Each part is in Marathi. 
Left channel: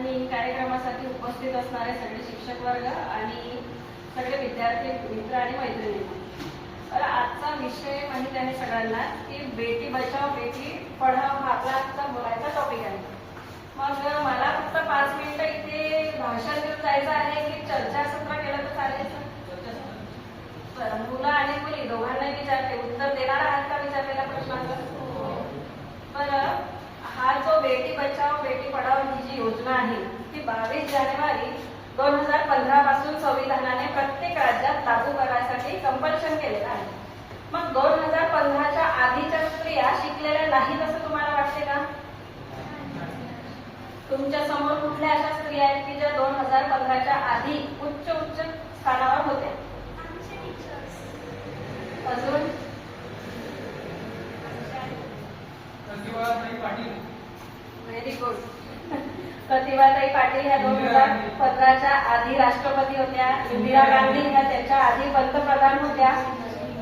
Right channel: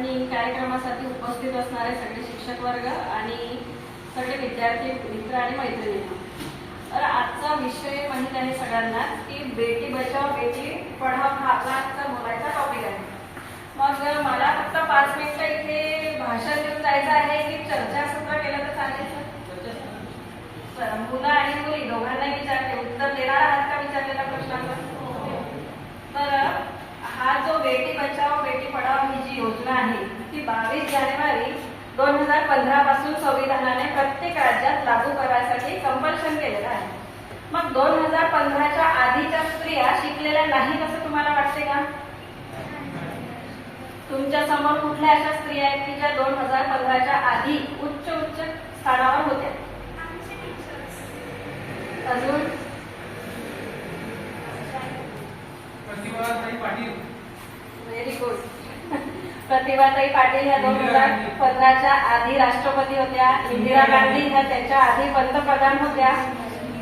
आणि कार्यक्रमासाठी उपस्थित असणारे सगळे शिक्षक वर्ग आणि सगळे विद्यार्थी मित्र आणि मैत्रिणी. तर आजचा विषय माहीत आहे सगळ्यांना की बेटी बचाव बेटी पढाव हा आपला आजचा बोलायचा टॉपिक आहे. मग मला फक्त पाच मिनिटं इथे भाषण देऊन जायचं आहे की चर्चासत्र केलं तर चालेल मुलं आणि मुली दोघांनाही विचारते उत्तर देणार आहात का विचारलेल्या प्रश्नाचं? तर हा जो बेटी बचाव बेटी पढाव ही जी योजना आहे. ती बावीस जानेवारी दोन हजार पंधरा पासून संविधानाने प्रत्येक राज्यात लागू करायसाठी कंपल्शन केलेलं आहे. मग दोन हजार पंधराच्या आधीच्या स्त्रिया शिकलेल्या नाहीत असं तुम्हाला वाटते का? तुमच्यासमोर कुठल्या अशा स्त्रिया आहेत की ज्या दोन हजार पंधराच्या आधी उच्च उच्च स्थानावर होत्या? अजून? व्हेरी गुड प्रतिभाताई पाटील ह्या दोन हजार पंधराच्या आधी राष्ट्रपती होत्या इंदिरा गांधी ह्या त्याच्या आधी पंतप्रधान होत्या.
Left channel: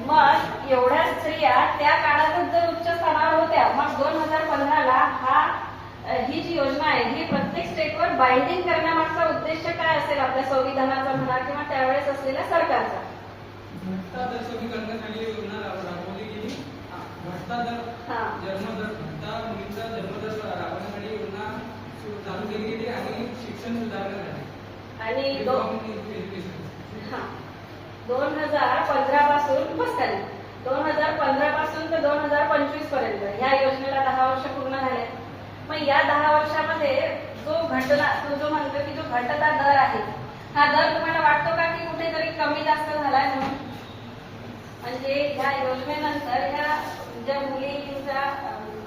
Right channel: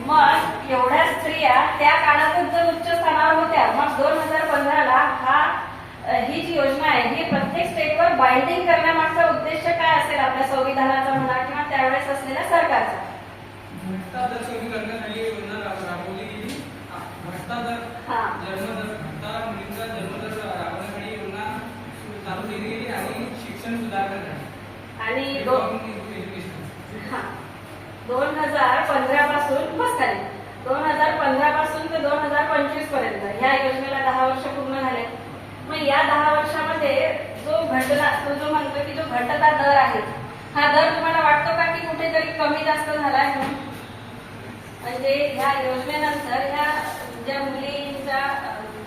मग एवढ्या स्त्रिया त्या काळातच जर उच्च स्थानावर होत्या मग दोन हजार पंधराला हा ही जी योजना आहे ही प्रत्येक स्टेटवर बाइंडिंग करण्यामागचा उद्देश काय असेल आपल्या संविधानाचा म्हणा किंवा त्यावेळेस असलेल्या सरकारचा? करण्यासाठी योजना राबवली गेली. भ्रष्टाचार जन्मदर भ्रष्टा मुलींचा जन्मदर राबवण्यासाठी आणि शिक्षण सुधारण्यासाठी आणि दोन हजार पंधरा पासून बस खाली. दोन हजार पंधरा पासून ते दोन हजार पंचवीसपर्यंत. या योजनेला दहा वर्ष पूर्ण झाले. मग या दहा वर्षामध्ये जो घटना तो जो म्हणतो की जो घटता दर आहे हा दर तुम्हाला वाटतो का की कुठेतरी कमी जास्त झालाय म्हणून? म्हणजे ह्या योजनेनंतर ह्या ज्या मुलींचा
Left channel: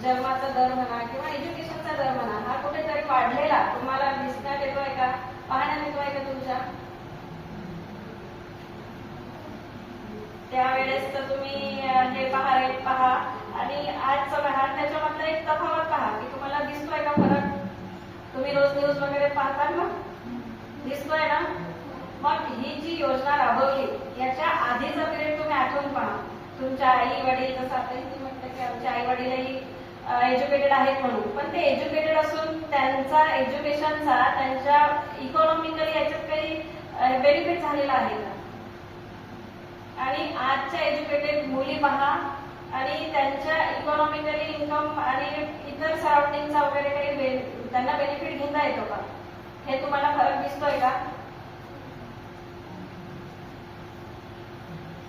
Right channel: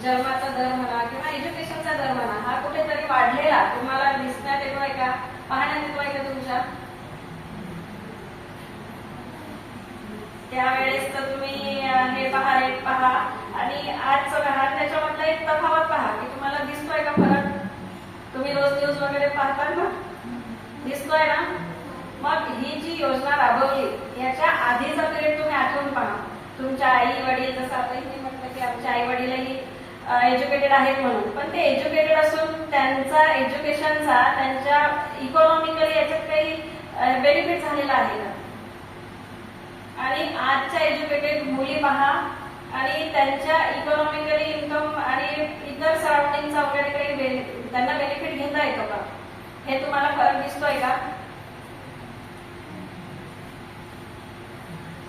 जन्माचा दर म्हणा किंवा एज्युकेशनचा दर दरम्यान हा कुठेतरी वाढलेला. तुम्हाला दिसण्यात येतोय का पाहण्यात येतोय का तुमच्या? त्यावेळेस तर तुम्ही हे पहा रेट पहा. आणि आजचं पहा त्याच्यामधला एक तफावत पहा की तुम्हाला दिसतोय का फरक? तुम्ही रोज न्यूज वगैरे पाहतात ना? दिसतोय ना? मग ही जी योजना राबवली याच्या आधीचा पिरियड तुम्ही आठवून पहा. तुमच्या आई वडील जसं आता इथे म्हटलं की आमच्या आई वडीलही एज्युकेटेड आहेत म्हणून. पण ते एज्युकेटेड असून त्यांचा एज्युकेशनचा त्यांच्या इकॉनॉमिकली याच्यात काही बेनिफिट झालेला आहे ना आणि आजच्या एज्युकेटेड मुली पहा आणि त्यांच्या इकॉनॉमिकली इन्कम आणि इतर सराउंडिंगचा वगैरे काही बेनि- त्यांना बेनिफिट घेता येतो का हे तुम्हाला फरक दिसतोय का?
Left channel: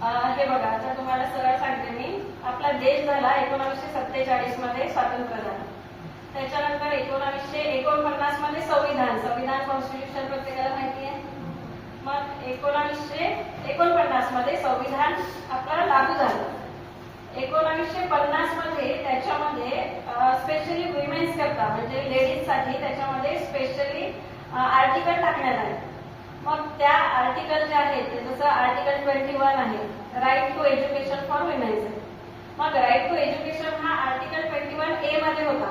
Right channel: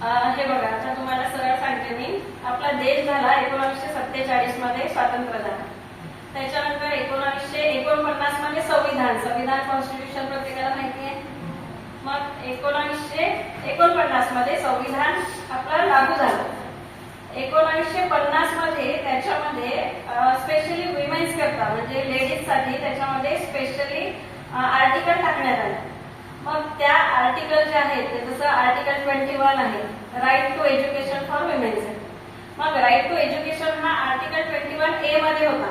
हे बघा आता तुम्हाला सरळ सांगते मी. आपला देश झाला एकोणावीसशे सत्तेचाळीसमध्ये स्वातंत्र्य झाला त्याच्यानंतर एकोणावीसशे एकोणपन्नासमध्ये संविधान. संविधान कॉन्स्टिट्यूशन प्रत्येकाला माहिती आहे. मग एकोणावीसशे एकोणपन्नासमध्ये संविधान आपलं लागू झालं. एकोणावीसशे पन्नासमध्ये त्याच्यामध्ये स्पेशली विमेन्स करता म्हणजे लेडीजसाठी त्याच्यामध्ये स्पेशली आर्टिकल टाकण्यात आले. मग त्या आर्टिकल जे आहेत ते जसं आर्टिकल ट्वेंटी वन आहे right to education for women's मग राईट टू एज्युकेशन हा आर्टिकल ट्वेंटी वन ए मध्ये होता.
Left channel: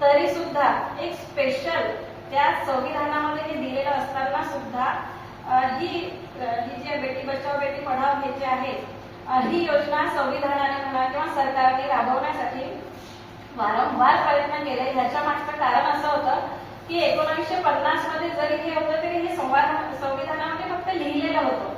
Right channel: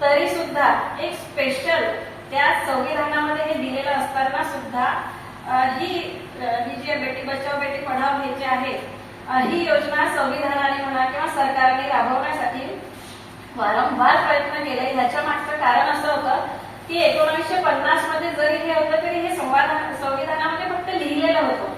तरी सुद्धा एक स्पेशल त्या संविधानामध्ये हे दिलेलं असताना सुद्धा ही ही जी बेटी बचाव बेटी पढाव हे जे आहे ही योजना संविधानाने म्हणा किंवा सरकारने राबवण्यासाठी वारंवार प्रयत्न केले. ह्याच्या मागचं कारण असं होतं की एकोणीसशे पन्नासमध्ये जरी हे होतं तरी हे संवाद संविधानामध्ये फक्त लिहिलेलं होतं.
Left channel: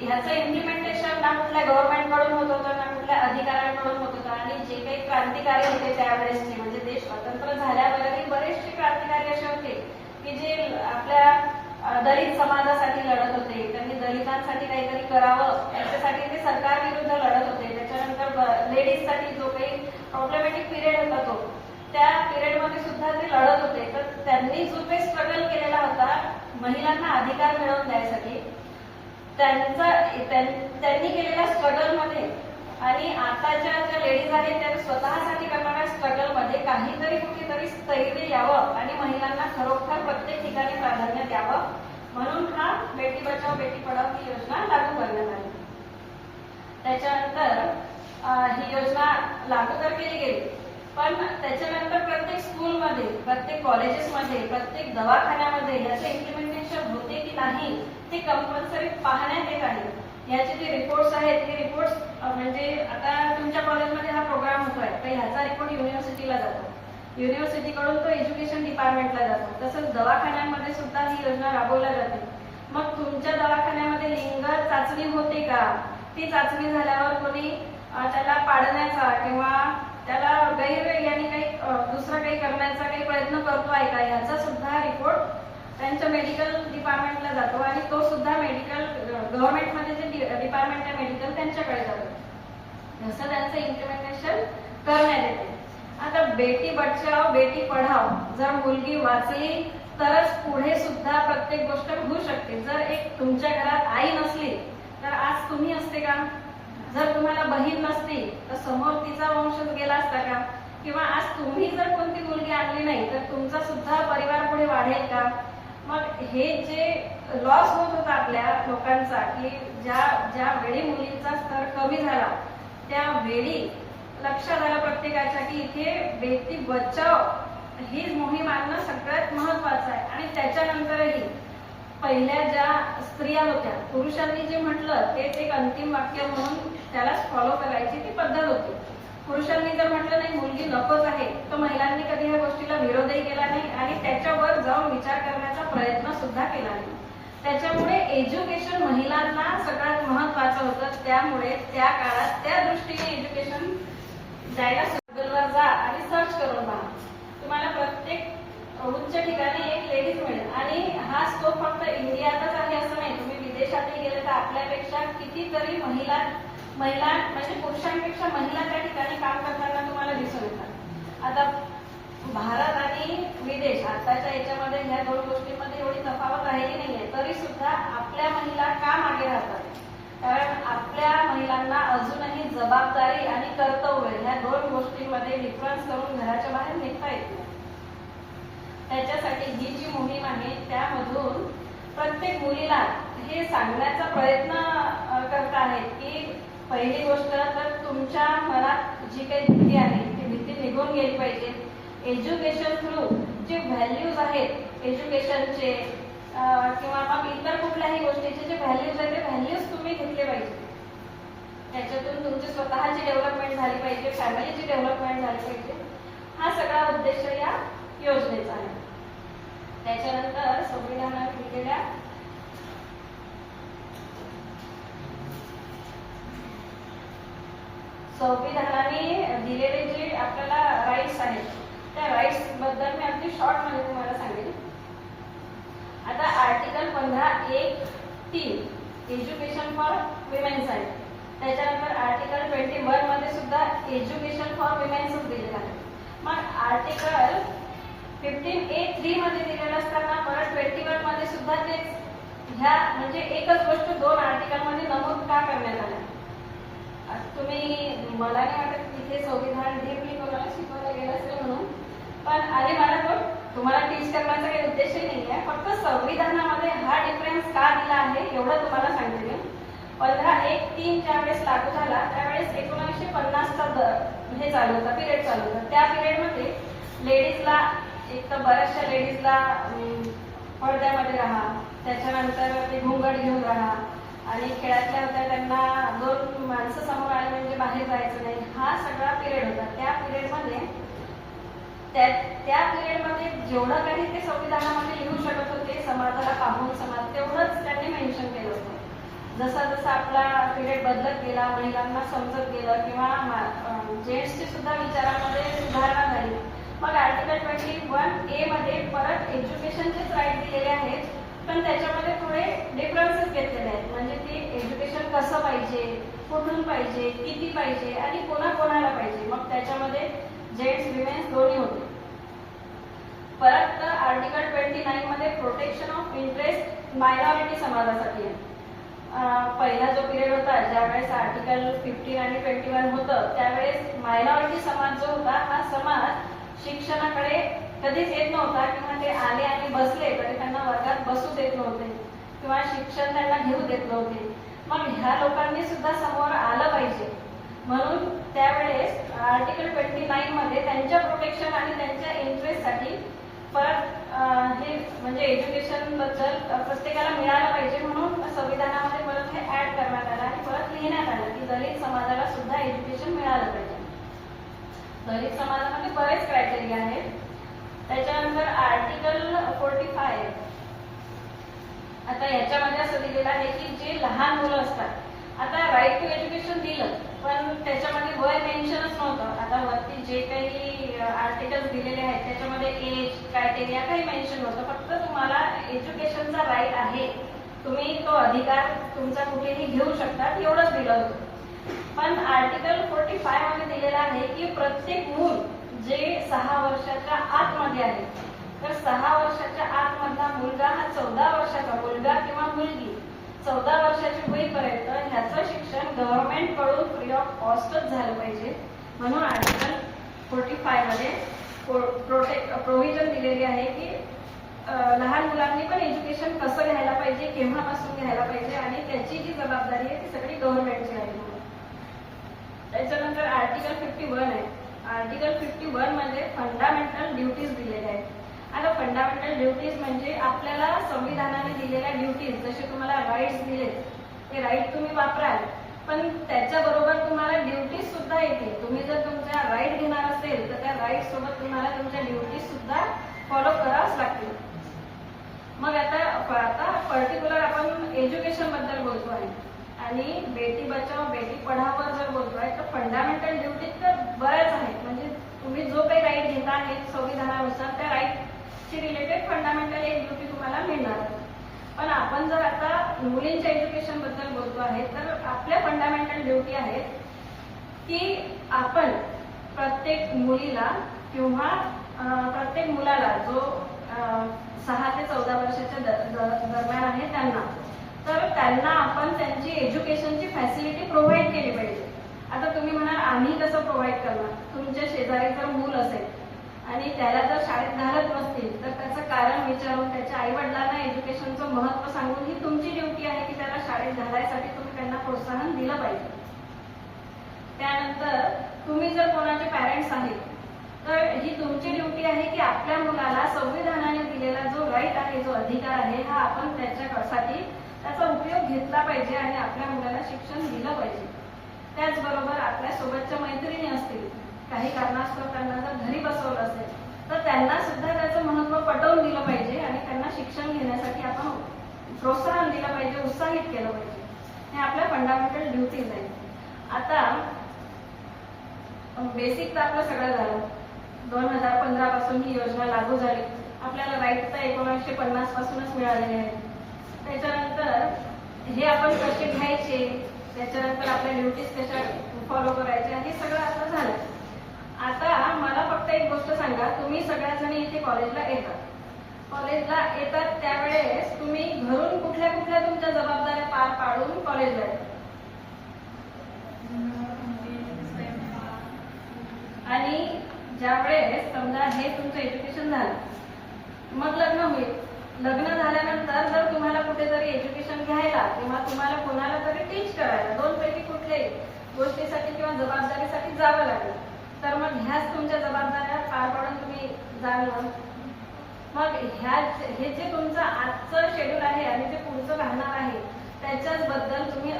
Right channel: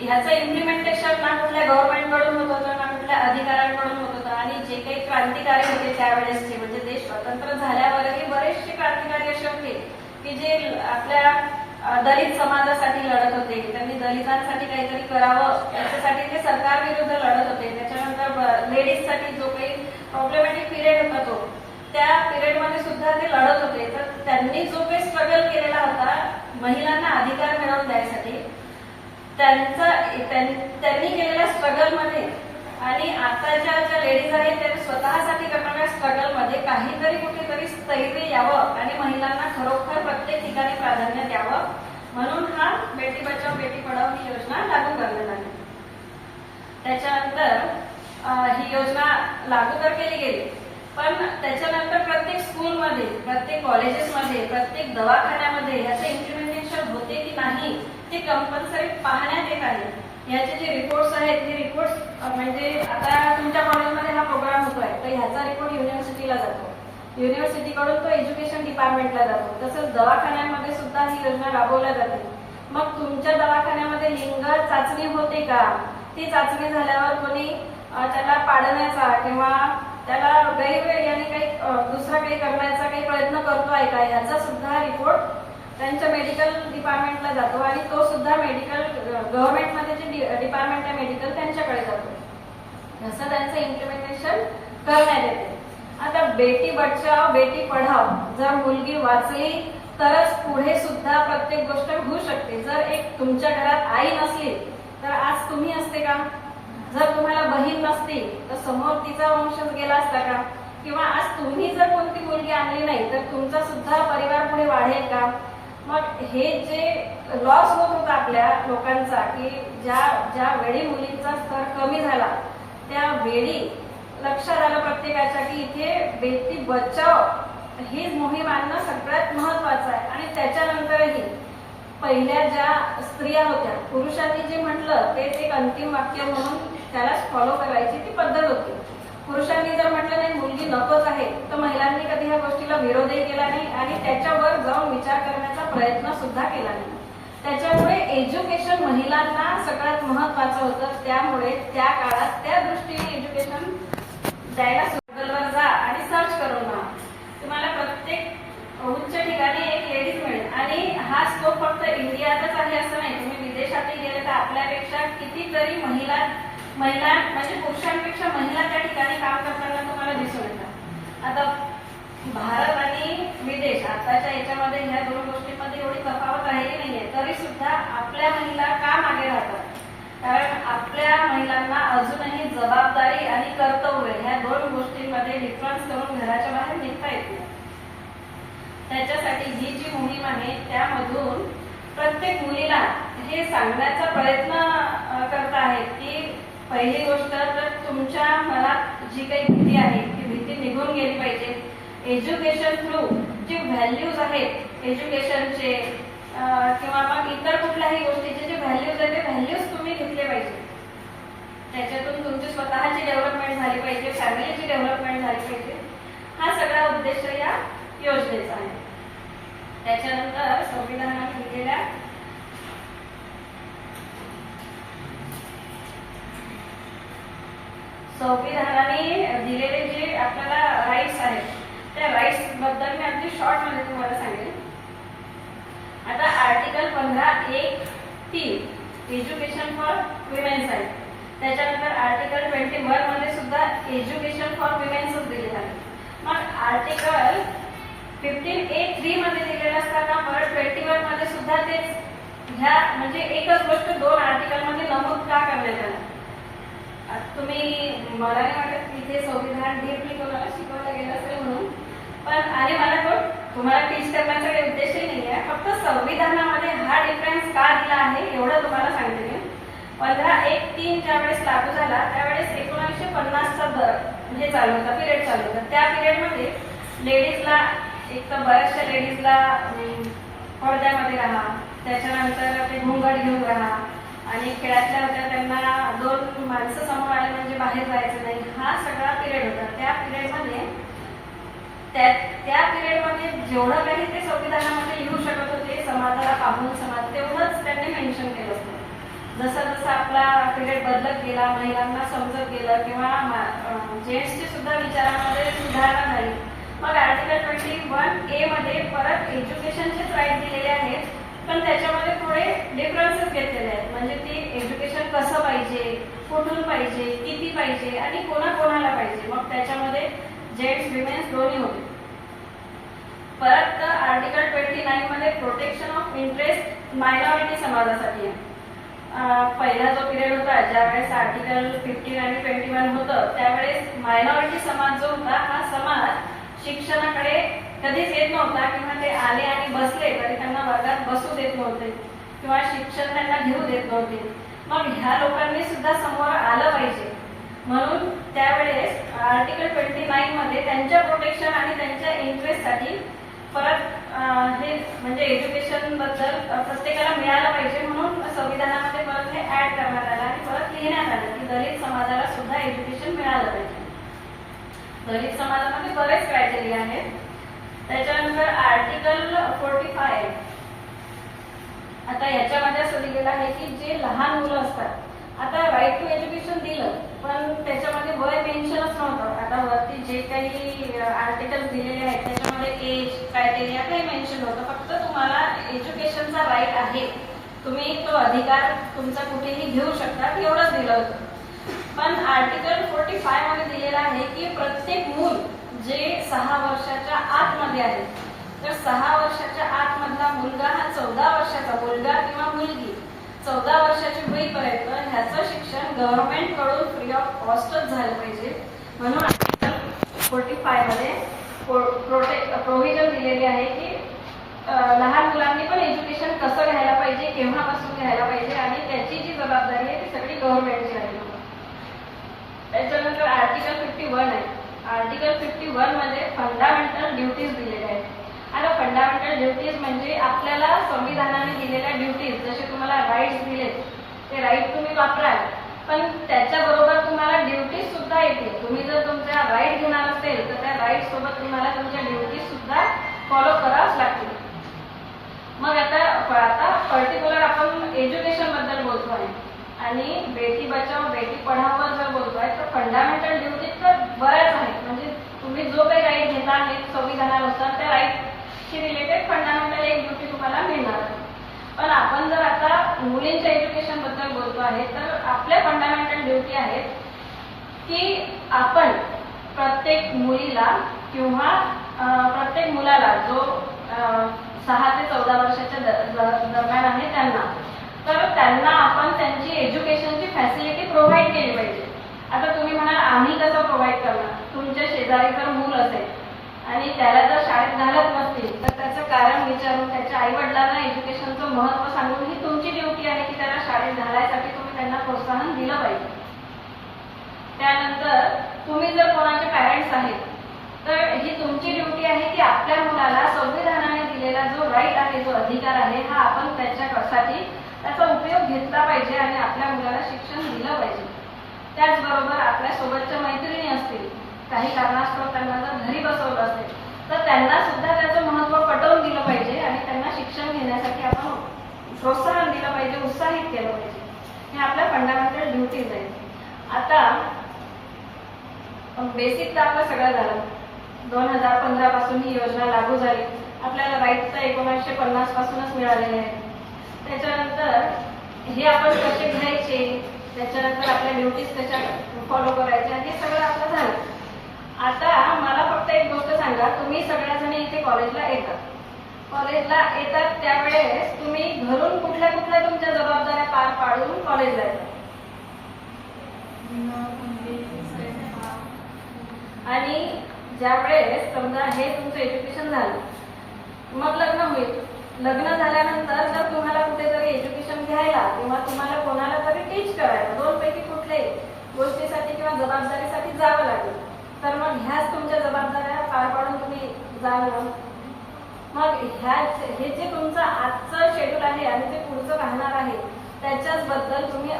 ह्याचं इम्प्लिमेंटेशन ना कुठल्या गव्हर्नमेंटकडून होत होतं ना कुठल्या अधिकाऱ्यांकडून होत होतं. आणि जे काही क्रांतिकारी होते त्यावेळेसचे म्हणजे देश स्वतंत्र झाल्यावरही बरेचसे क्रांतिकारी असे होते की जे आपल्या दलित समाजासाठी लढत होते. त्यांनी दलितांसाठी काहीतरी करावं याच्यासाठी ते सरकार विरुद्ध लढत होते. त्याच्यानंतर लेडीजसाठी जो काही प्रॉब्लेमॅटिक पिरियड होता तो त्या पिरियडमध्ये सुद्धा ते लढत होते. तर त्यांनी जो काही स्ट्रगल केलेला होता महिलांना अधिकार मिळवून द्यायसाठी त्यांचा त्यांनी केलेल्या स्ट्रगलमध्ये आणि आताच्या ज्या लेडीज आहेत त्या स्वतःसाठी करणाऱ्या स्ट्रगलमध्ये काहीतरी कुठेतरी स्थैर्य यावं आणि महिलांना खरोखर प्रत्येक ठिकाणी प्राधान्य द्यावं. म्हणून हा बेटी बचाव बेटी पढाव ही योजना लागू करण्यात आली. त्याच्यानंतर ही योजना लागू तर केली गेली पण त्याच्यानंतर प्रत्येक स्कूलमध्ये प्रत्येक कॉलेजेसमध्ये प्रत्येक दवाखान्यामध्ये याचं इम्प्लिमेंटेशन होते की नाही ते कंपल्सरी पाहण्यात येत आहे. याचे जे रिपोर्ट्स आहेत ते रिपोर्ट्स म्हणजे आता तुमच्या कॉलेजमध्ये हा प्रोग्राम होतोय तर ह्याचा रिपोर्ट युनिव्हर्सिटीला जातो. युनिव्हर्सिटीकडून तो एज्युकेशन डिपार्टमेंटला जातो. तसंच दवाखान्यांमध्ये सुद्धा ही योजना राबवल्या जाते. मग तुमच्या दवाखान्यामध्ये लिंग चाचणी होते का? ती चाचणी झाल्यावर कोणी त्याला पाडण्याचा किंवा त्याला गैरवेळ याने काही दुसरा काही करण्याचा काही प्रयत्न करतो आहे का? याचा सुद्धा रिपोर्ट त्यांच्या मेडिकल डिपार्टमेंटला जातो आणि तो सुद्धा मेडिकल गव्हर्नमेंटमध्ये जे डिपार्टमेंट आहे मेडिकल त्यांच्याकडे जातो. जसं त्यांचं इम्प्लिमेंटेशन करण्यात येते. आता बेटी बचाव बेटी पढाव जर मुलगी वाचली तरच पुढे सुद्धा प्रत्येक गोष्ट होऊ शकते. जर एक तुमच्या घरात आई नसली तर आज तुम्ही असते का? जर तुम्हाला बहीण नसती तर समोर तिचा वंशज गेला असता का? किंवा आज तुम्ही जर कोणती मुलगी आणली नाही तर तुमचा सुद्धा परिवार पुढे वाढेल का? मग हे जे लॉस होत होता आपल्या लोकांचा की ज्या ज्या वेळी मुलींचा स्तर कमी झाला त्या वेळी लक्षात आलं प्रत्येकाच्या की इथे बेटी बचाव ही मोहीम आणणं सगळ्यात महत्वाचं आहे. आणि त्याच्यानंतरही पहिल्या ज्या स्त्रिया होत्या पुरुषांनी जे म्हटलं तेच एक अंतिम वाक्य म्हणून त्यालाच फॉलो करायची ती पद्धत होती. पुरुषांनी जर म्हटलं नाही मुलगी नकोच आहे तर महिलांनी कधी ह्या गोष्टीला विरोधही केला नाही आणि त्याच्यावर जाऊन विचार करण्याचा प्रयत्न सुद्धा केला नाही. त्याच्यामुळे एज्युकेशन महिलांना सगळ्यात महत्वाचं होतं. त्यामुळे त्या काळात त्या दृष्टीने एज्युकेशन जायला गुगलवर जा आणि सर्च करून पहा. तुम्हाला प्रत्येक उच्च ठिकाणी एक लेडीज मिळेल. आणि हा स्कोप फक्त इंडियातच आहे असं नाही. तुम्ही विदेशातही गेले तर आपल्यापेक्षा कितीतरी महिला महिला म्हणजे पुरुषांपेक्षा महिला त्या ठिकाणी काम करताना तुम्हाला दिसून येतात. आता भारत आणि विदेश आताच्या याच्यामध्ये ह्या दोन गोष्टींमध्ये एवढी तफावत राहिली नाहीये. तरी सुद्धा आपल्या महिला का मागे राहतात? कारण आपल्या महिलांना अजूनही जबाबदारी आणि कर्तव्य ह्या दोन गोष्टींमध्ये डिफरन्स करून घराच्या बाहेर निघता येत नाही. त्याच्यासाठी ही जी मोहीम आहे त्यामधून प्रत्येक मुलीला हे सांगण्याचा प्रयत्न करत आहेत की पहिली गोष्ट तर तुमच्या मनात जी काही भीती आहे ती भीती निघून गेली पाहिजे. एज्युकेशन थ्रू जे व्हॅल्यूज आहेत एज्युकेशनचे किंवा मग इतर कुठल्याही गोष्टीचे जे व्हॅल्यूज आहेत ते व्हॅल्यूज तुम्ही घेतले पाहिजे. त्याच्यातून तुमची स्वतःची डेव्हलपमेंट झाली पाहिजे फॅमिलीची डेव्हलपमेंट झाली पाहिजे. हा सगळा उद्देश या योजनेचा आहे. त्याच्यानंतर संविधानात दिलेल्या संविधानाने दिलेले जे आपल्याला राईट्स आहेत त्या राईट्सबद्दल मी अगदी शॉर्टमध्ये तुम्हाला सांगेल आता आर्टिकल पंधरा एक तीन एज्युकेशन फॉर विमेन्स आहे त्याच्यानंतर आर्टिकल ट्वेंटी वनमध्ये सुद्धा एज्युकेशन फॉर विमेन्सच दिलेलं आहे. मग आर्टिकल फिफ्टीन ए थ्री मध्ये दिलेलं असताना परत ट्वेंटी वनमध्ये सुद्धा तेच ह्या म्हणजे एकच गोष्ट दोन आर्टिकलमध्ये नमूद का करण्यात आला तुम्ही मला नाही वाटत इथे संविधान मी कोणाला शिकवलं गेलं असेल म्हणून. पण आणि मला पण तुम्हाला टीच करण्याचा काही उद्देशही नाही आहे फक्त संविधानामध्ये हा डिफरन्स का दिला आहे एवढं तुम्हाला सांगते मी. पंधरा एक तीन ज्या वेळेस लागू झाला त्यावेळेस एकोणीसशे पन्नासचा दर हे चालू होता पिरियड चालू होता. त्या पिरियडमध्ये लेडीजला एक तर बऱ्याचशा लेडीजला पडद्यामध्ये राहा त्याच्यानंतर ते घुंगट घेऊन राहा आणि खेळातल्या होत्या त्यांना दोन माणसं समोर आले म्हणजे बाहेर जायचं नाही. हा सगळा पिरियड होता. त्या पिरियडमध्ये त्या त्या पिरियडमध्ये जेवढं काही ते संविधानामध्ये लिहू शकत होते समाजाला पाहून समाज तेवढंच त्यांनी मेन्शन केलं होतं. जसा जसा आपला पिरियड बदलत गेला महिलांना समजत गेलं किंवा जेंट्सची सुद्धा विचारामध्ये सुधारणा झाली. मग आर्टिकल ट्वेंटी वन ए मध्ये परत एज्युकेशनचेच राईट दिलेले आहेत. पण त्याच्यामध्ये थोडे डिफरन्सेस घेतलेले आहेत. म्हणजे की एज्युकेशन कसं पाहिजे कुठून पाहिजे किती पाहिजे आणि कोणा कोणाला पाहिजे. मग त्याच्यामध्ये जेंट्स विमेन्स दोन्ही होते. परत आर्टिकल ट्वेंटी नाईन मध्ये प्रोटेक्शन ऑफ इंटरेस्ट मायनॉरिटी समाजासाठी आहे. पहिला जो पिरियड होता ज्यावेळेस आर्टिकल फिफ्टीन आणि ट्वेंटी वन होतं त्यावेळेस मायनॉरिटी समाज जो होता हा समाज शिक्षणाकडे कधीच येत नव्हता किंवा ते आले आणि बसले तरी त्यांना वर्गात बसू देत नव्हते किंवा शिक्षण त्यांना घेऊ देत नव्हते. मग ह्या लोकांनी सुद्धा समोर आलं पाहिजे. म्हणून त्यावेळेस आर्टिकल ट्वेंटी नाईन मध्ये त्यांच्या प्रोटेक्शन आणि त्यांच्या इंटरेस्टसाठी परत हे म्हणजे एज्युकेशनबद्दल प्रत्येकाला मिळालं पाहिजे म्हणून संविधानामध्ये परत हे ऍड करण्यात आलं आणि परत लिहिण्यात आलं की दलित समाजाला सुद्धा एज्युकेशन मिळालं पाहिजे. दलित समाजामध्ये बरेच क्रायटेरिया आहेत. त्याच्यानंतर आर्टिकल फोर्टी फाय आता याच्यामध्ये असं दिलेलं आहे की जे लहान मुलं असतात आता राईट टू एज्युकेशन दिलं पण त्याच्यामध्ये वय मेन्शनच नव्हतं. आता वरती जे काही आर्टिकल्स दिलेले आहेत त्याच्यामध्ये एज क्रायटेरिया काही मेन्शन नव्हतं. फक्त तुम्हाला एज्युकेशनचा राईट आहे. तुम्ही तो अधिकार तुमचा कुठेही घेऊ शकता एवढंच दिलं होतं. पण आर्टिकल फोर्टी फायमध्ये दिलेलं आहे की प्रत्येक मूल जे सहा वर्षाच्या आतमध्ये आहे तर सहा वर्षाच्या आतमधला मुलगा हा चौदा वर्षाचा मुलगा किंवा मुलगी. चौदा वर्षाची होईपर्यंत ह्याचं शिक्षण गव्हर्नमेंटकडून फ्री ऑफ कॉस्टच झालं पाहिजे. म्हणून आर्टिकल फोर्टी फायमध्ये प्रोटेक्ट प्रोव्हिजन दिलेली आहे की लहान मुलांनी पण एज्युकेशन कसं घ्यायला पाहिजे केव्हापासून घ्यायला पाहिजे आणि त्याची जी जबाबदारी आहे ती सगळी गव्हर्नमेंटची आहे. त्याच्यानंतर आर्टिकल फिफ्टी वन आहे. आर्टिकल फिफ्टी वनमध्ये फंडामेंटल ड्युटीज दिलेल्या आहेत. आता फंडामेंटल ड्युटीज म्हणजे आपल्याला संविधानाने दिलेल्या ड्युटीज जसे तुम्हाला राईट्स दिलेत ते राईट तुम्ही वापराल पण त्याच्याबरोबर तुम्हाला ड्युटीज सुद्धा येतील. तुम्ही जर तुमच्या राईट घेणार असेल तर त्या राईट सोबत तुम्हाला तुमच्या ड्युटीज सुद्धा फॉलो करावंच लागतील. मग आता आता पर्टिक्युलर आपण एज्युकेशनबद्दल बोलतो आहे आणि बेटी बचाव बेटी पढाओवर जर बोलतोय तर फंडामेंटल ड्युटी तर बऱ्याच आहेत. म्हणजे तुम्ही जो काही राईट घेता आहेत संविधानानुसार त्या राईटशी रिलेटेड फंडामेंटल एक ड्युटी तुम्हाला मिळणार आहे. पण आपण जर आता मुलींच्या एज्युकेशनबद्दल बोलतो आहे तर आपल्या फंडामेंटल ड्युटी आहेत की आपण प्रत्येक मुलीला किंवा प्रत्येक मुलाला जो सहा ते चौदा वर्षाच्या दरम्यान आहे त्यांना तर त्यांना आपण त्यांची एज्युकेशनची फॅसिलिटी प्रोव्हाइड केली पाहिजे. आता तुम्ही म्हणाल आम्ही कसं प्रोव्हाइड करणार? तुमच्या शेजारी जर मूल असेल आणि त्याला जर शाळेत घालत नसतील तर त्याचं कारण विचारून त्याच्या आई वडिलांना एज्युकेशनचं महत्त्व सांगून ही तुमची ड्युटी आहे की त्याला शाळेत घालायसाठी तुम्ही त्यांना प्रोत्साहन दिलं पाहिजे. त्यानंतर तुम्ही जर कोणाचे पॅरेंट्स आहेत तर ही तुमची ड्युटी आहे की आपल्या मुलाला संविधानाने दिलेला जो राईट आहे जो अधिकार आहे हा आपण त्याच्यासाठी त्याचा उपयोग घेतला पाहिजे आणि आपल्या मुलाला शिक्षण दिलं पाहिजे. त्याचबरोबर आपल्या सोबतच्या मैत्रिणी असतील काही कारणास्तव त्यांना जर घरी बसवलं असेल तर त्यांना सुद्धा त्याचं महत्त्व पटवून दिलं पाहिजे आणि त्यांना शिक्षण घेण्यासाठी आपण प्रोत्साहन दिलं पाहिजे उत्साहित केलं पाहिजे. हे आपल्या फंडामेंटल ड्युटीज आहेत. आता बेसिक तर आपलं सगळं झालं. दोन हजार पंधरा पासून ही योजना लागू झाली. आपल्याला राईट तर एकोणीसशे पन्नास पासूनच मिळालेले आहेत. त्याच्यानंतर हे आपण कसे घ्यायचे त्याच्यानंतर आपल्या ड्युटीज त्याच्या फॉलो करायच्या हे सगळं आपलं झालं. आता मला फक्त एक गोष्ट सांगा तुम्ही सगळ्याजणी इथे कॉलेजला येतात. कॉलेजला येतात त्यावेळेस तुम्ही घरून कुठल्या कुठल्या तुमच्या जबाबदाऱ्या पार पाडून कॉलेजला येतात? आणि ज्यावेळेस समजा हे तुमचं एज्युकेशन झालं मग लग्न होईल. लग्न झाल्यानंतर जर तुम्हाला कुठेतरी एज्युकेशन घ्यायला किंवा तुम्हाला कोणाला तरी टीच करायला दोन पैकी कुठल्याही गोष्टीसाठी किंवा जबाबदारीसाठी जावं लागेल. तर मग ह्याच तुमच्या जबाबदाऱ्या पार पाडून तुम्ही जाल मग ह्या हे जे तुमचं आजचं शेड्यूल आहे आणि जे पुढचं राहणार आहे त्याच्याच बद्दल तुम्ही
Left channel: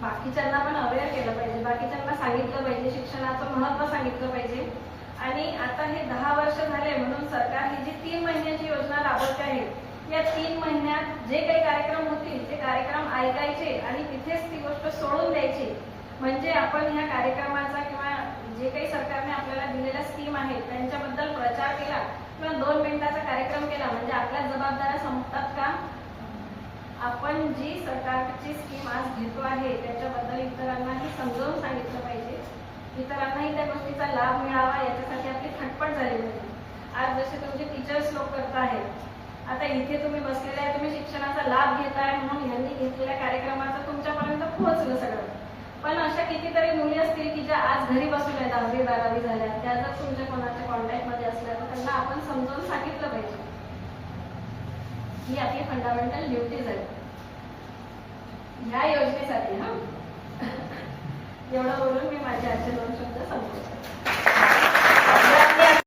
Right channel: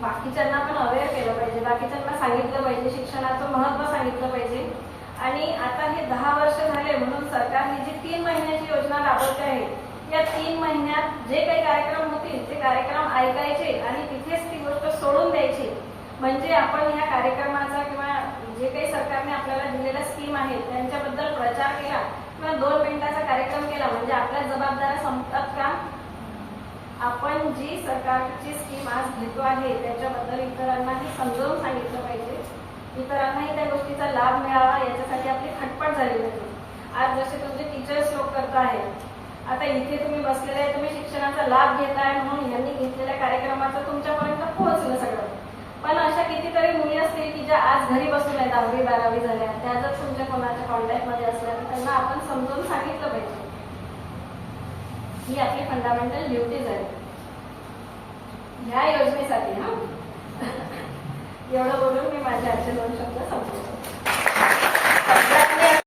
बाकीच्यांना पण अवेअर केलं पाहिजे. बाकीच्यांना सांगितलं पाहिजे शिक्षणाचं महत्त्व सांगितलं पाहिजे. आणि आता हे दहा वर्ष झाले म्हणून सरकार ही जी तीन महिन्याची योजना राबवते आहे या तीन महिन्यात जे काही कार्यक्रम होतील ते कार्यक्रम ऐकायचे आणि तिथेच ती गोष्ट सोडून द्यायची. म्हणजे आपण ह्या कार्यक्रमाचा किंवा जे काही सरकारने आपल्याला दिलेल्या स्कीम आहेत त्यांच्याबद्दल प्रचार केला किंवा दोन मिनिटाचा कार्यक्रम केला म्हणजे आपल्या जबाबदाऱ्या संपतात का? आपण जी सरकारची स्कीम आज घेतो आहे त्याच्याबद्दल इतरांनाही समजावून सांगितलं पाहिजे. इतरांनाही त्या गोष्टीचा लाभ मिळावा याच्यासाठी आपली खटपट झालेली आज जसे तुमचे टीचर्स लोक आता इथे तुम्ही बसलेले आहे तुम्ही शिक्षणाचा लाभ घेताय म्हणून यांनी घेतलेल्या कार्यक्रमाचं तुमच्यापर्यंत पोहोचलं सगळं. पण अशा कितीतरी मुली असतील की ज्या आज घरी बसून आहेत दहावी बारावी झाल्या त्या जर तुमच्या कोणाच्या कॉन्टॅक्टमध्ये असल्या तर त्यांना आपण समजून सांगितलं पाहिजे. ही आपली फंडामेंटल ड्युटीज आहे ह्या योजनेसाठी हा? एवढं बोलून मी माझे आजचे दोन शब्द संपवतो.